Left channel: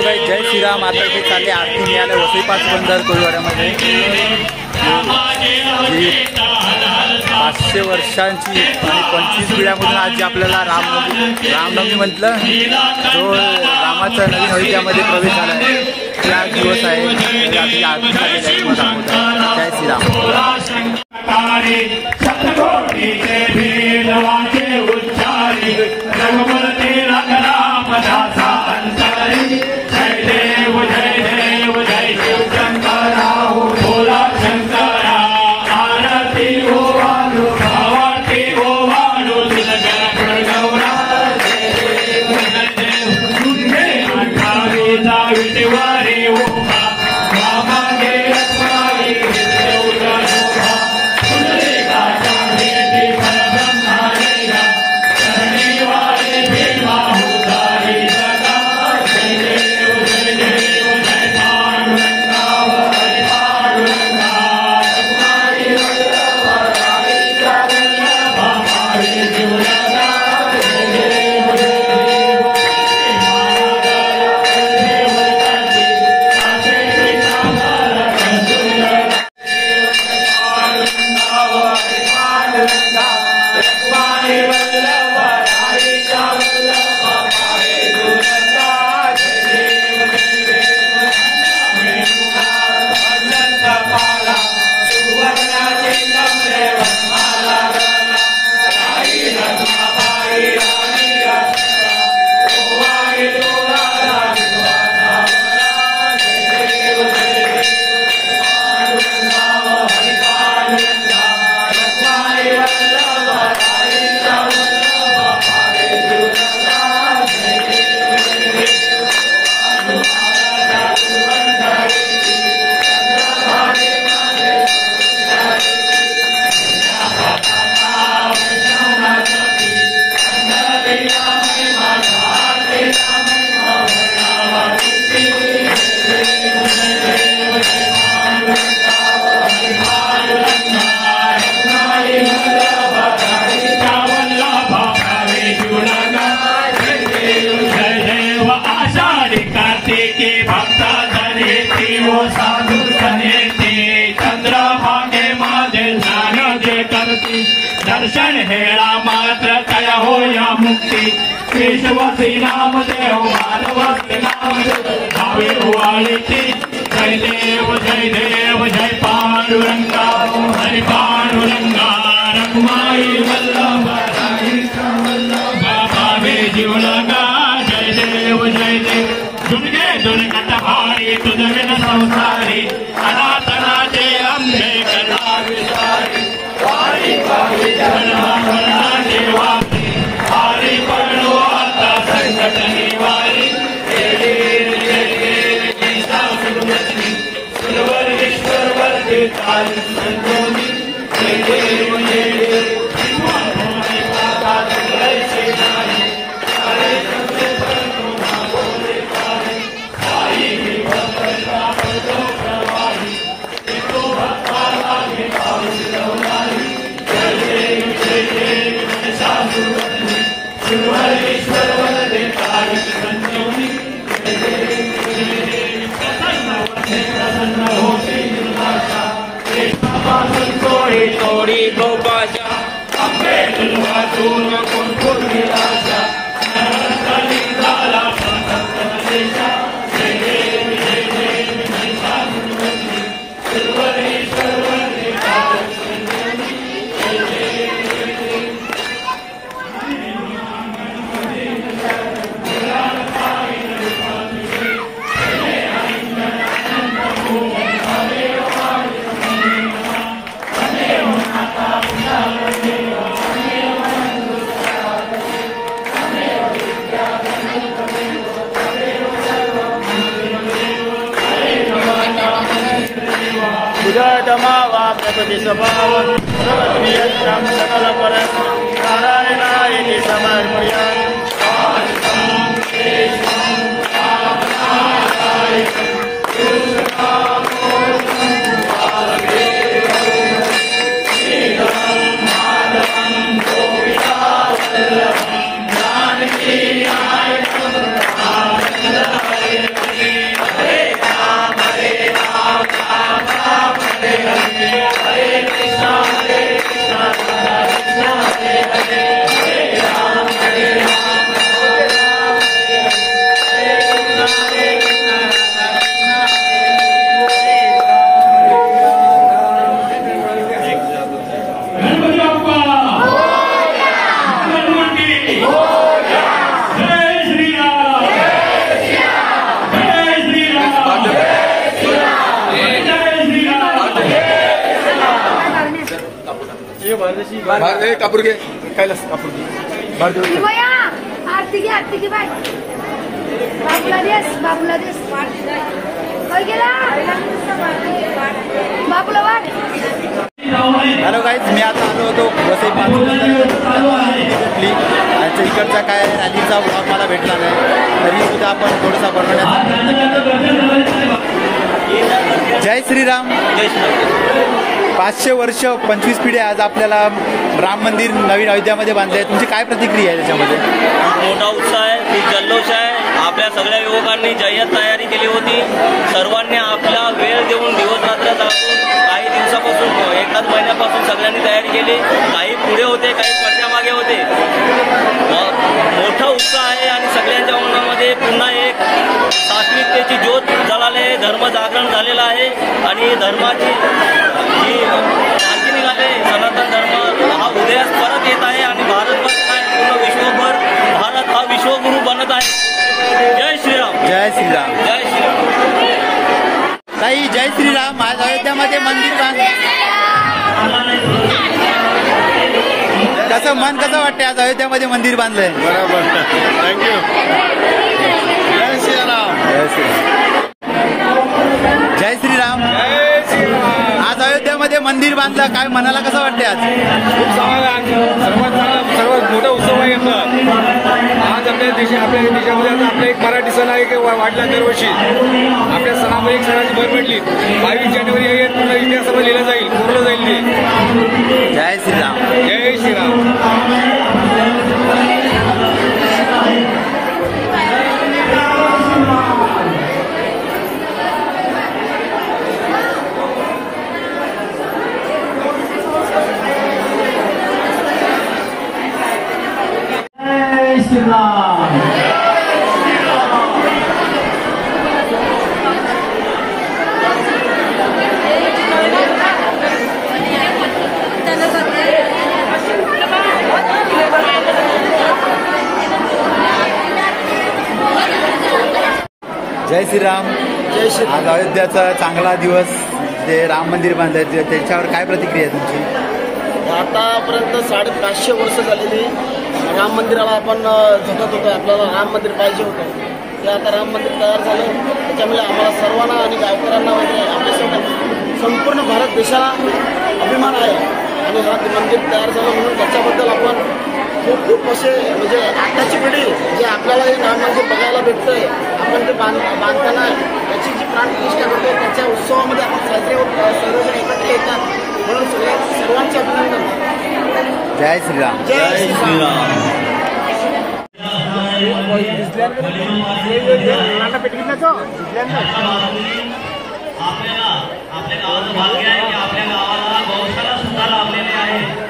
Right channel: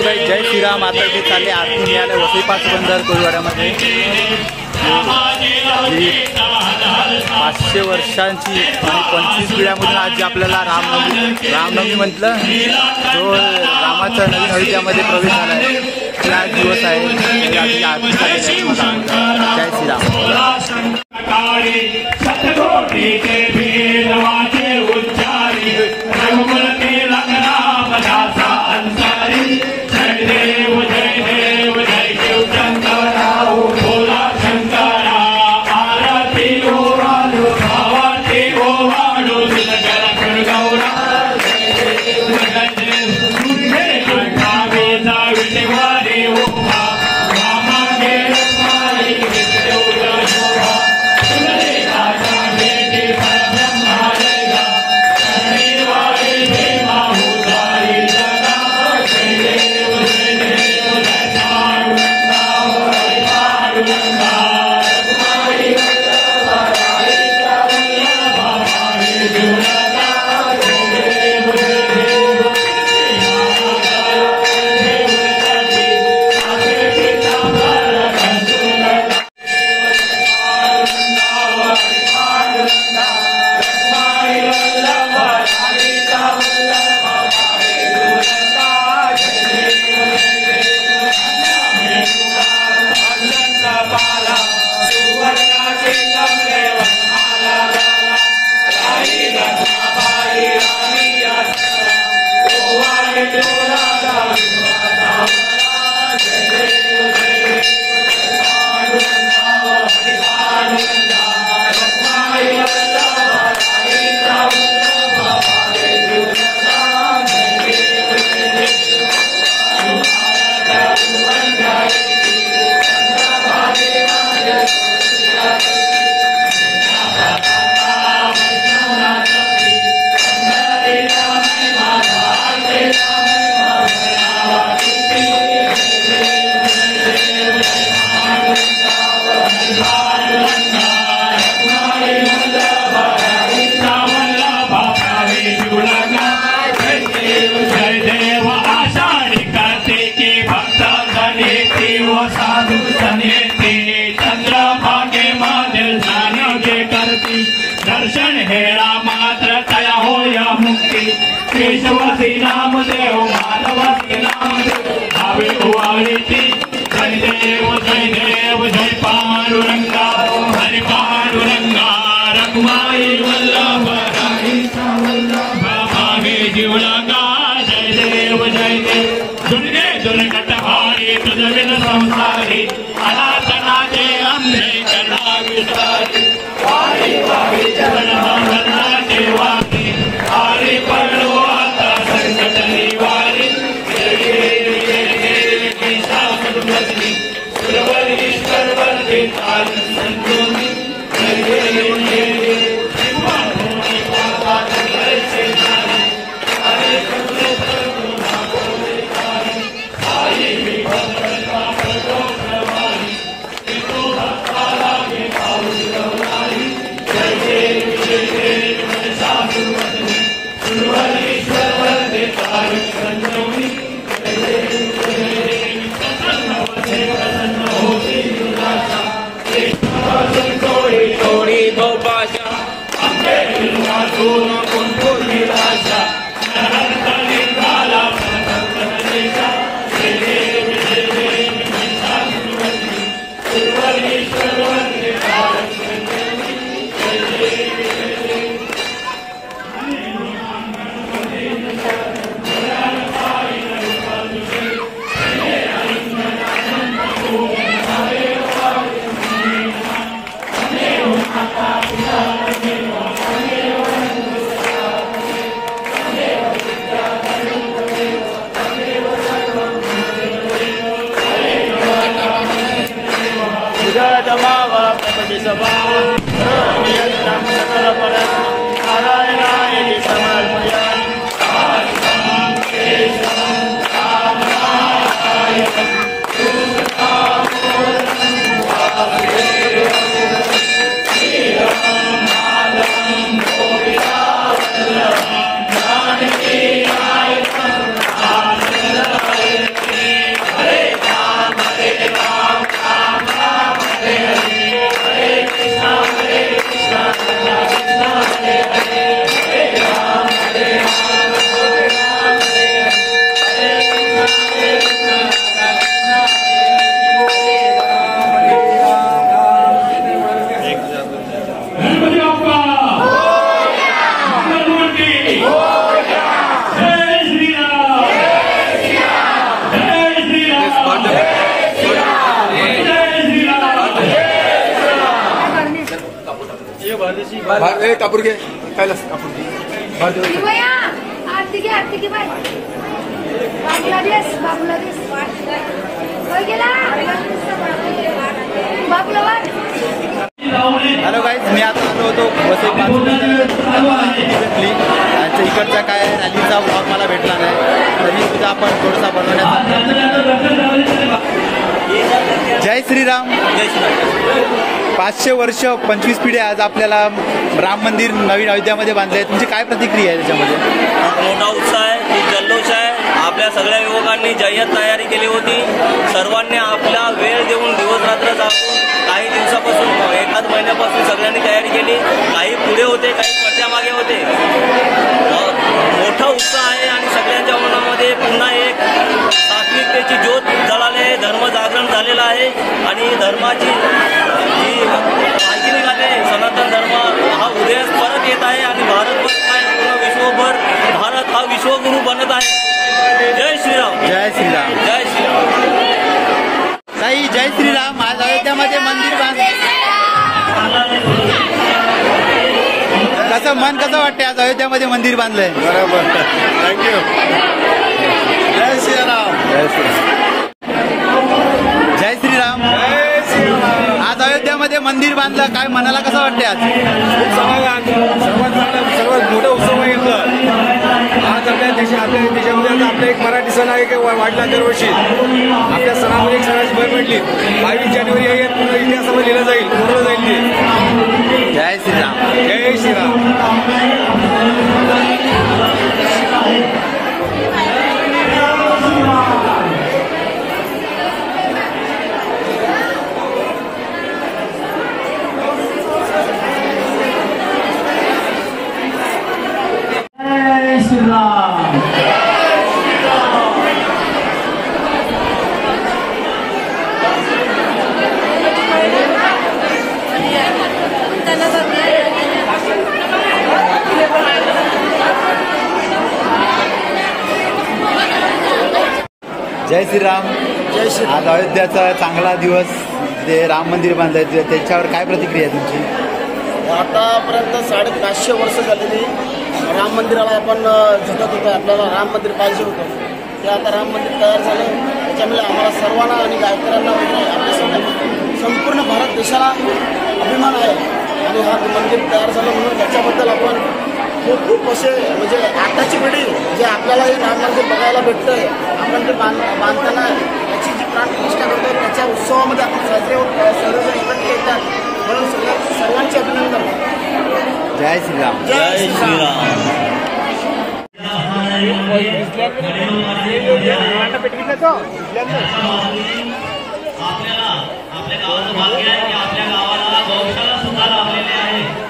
Hello guys, जय श्रीराम. आता इथे चालले आरती मिळाले वसई पाच बंदर कोळीवाड्यामध्ये. जी 500 वर्षांची आणि 25 पिढ्यामधून आज आपल्याला रामनवमी म्हटलं, जो रामाचा नवीन अयोध्यामध्ये प्रवेश झाला आहे त्या दिवस आहे. आरती झालेली आहे. जय श्रीराम. दर्शन हेळा मात्र तया होया मुक्ती. केशव श्री नाम देव माधव श्री नाम देव भावे ओवाळीती. जय देव जय पांडुरंगा हरी पांडुरंगा. रखमाई वल्लभ भावे जीवलंगा. जय देव दुर्गे दुर्गट भारी तुझजन संसारी. अनाथनाथे अंबे कथा विसारी. वारी वारी चरणा देवासी. हरी पडलो आता संकट निवारी. ईश्वर वर्गे तार संतोषी. जय देव कापूर घे कैलास कापूर घे आरती घे बाय बाबूला हॅलो गाईज, मी आता आलो होतो वसई पाच भेटली आणि इकडचा काय रॅलीचा ब्लॉग मला भेटला नाही, तरी सुद्धा आपण थोडासा बनवण्याचा प्रयत्न केला. जय श्रीराम. जय श्रीराम. 500 वर्ष 25 पिढ्या आज आपल्याला राम मंदिर नवीन अयोध्यामध्ये बांधले आहे. तुमची काय प्रतिक्रिया आहे त्याच्यामध्ये? मोठा उत्साह आहे, खूप जल्लोष आहे. आपल्या सगळ्या युवकांनी जय्यत तयारी केली होती. सर्वांनी आपला वेळ देऊन दिवस रात्र जागून काही दिवसापासून एकाच महिन्यापासून सगळ्यांनी तयारी केली. काही पुढे होते, काही पडद्यामागे होते. मोठा उत्साह आहे आणि सगळ्यांच्या मनामध्ये पुन्हा एक सात्विकतेची ज्योत जळाले, धर्म जागरण झालेलं आहे आणि धर्माची ही क्रांती निघाले. सनातन धर्म हा उदयास परत येत आहे आणि भारतभर काय पूर्ण विश्वभर भारत हा विश्वगुरु बनत आहे. जय श्रीराम. जय श्रीराम. जय श्रीराम. ताई जय श्रीराम. आज अयोध्यामध्ये मंदिर त्याचं मन कसं वाटतंय? आज अयोध्यामध्ये मंदिर बांधलंय. बरोबर. थँक्यू. जय श्रीराम. जय श्रीराम. जय श्रीराम. जय श्रीराम. आज अयोध्यामध्ये मंदिर बांधलं, काय मनाला कसं वाटतंय? आज खूप समाधान, सर्वात मोठा उत्सव आहे आपला. आज आपल्या देशामध्ये आता आपला एक मराठी सण आहे की वाढला दरवर्षी. आपल्या सणामध्ये एक सणाची भर पडली. 22 जानेवारी हे पूर्ण इतिहासामध्ये लिहिलं जाईल, कोरलं जाईल ते. जय श्रीराम. जय श्रीराम. जय श्रीराम. जय श्रीराम. आज अयोध्याचा चांगला दिवस, जे राम मंदिर बांधायचे त्याच्यावर काय प्रतिक्रिया आहे तुमची? आतापर्यंत 550 वर्ष झालेली राम मंदिराला आपण झटत होतो. आपल्याला राम मंदिर पाहिजे होतं, ते आता राम मंदिर तयार झालं. त्याच्यामुळे आम्हाला सर्वांना आणि गावकऱ्यांना वगैरे आपल्या संपूर्ण भारत देशाला अभिमान आहे. आणि हा मंदिर तयार झालं म्हणून त्याच्याबद्दल आपण खूप असे म्हणजे आताची पिढी जे आपल्याला हे राम मंदिर बघायला भेटतंय, आपण ते बांधताना त्याची जी प्राणप्रतिष्ठा करतो त्याच्या उत्सवामध्ये आपण साजरे होत, सर्वजण एकत्र येतात. म्हणून सर्वांचे अभिनंदन. जय श्रीराम. जय श्रीराम. आपल्या गावाला गौशाला सुद्धा लाभलेली आहे.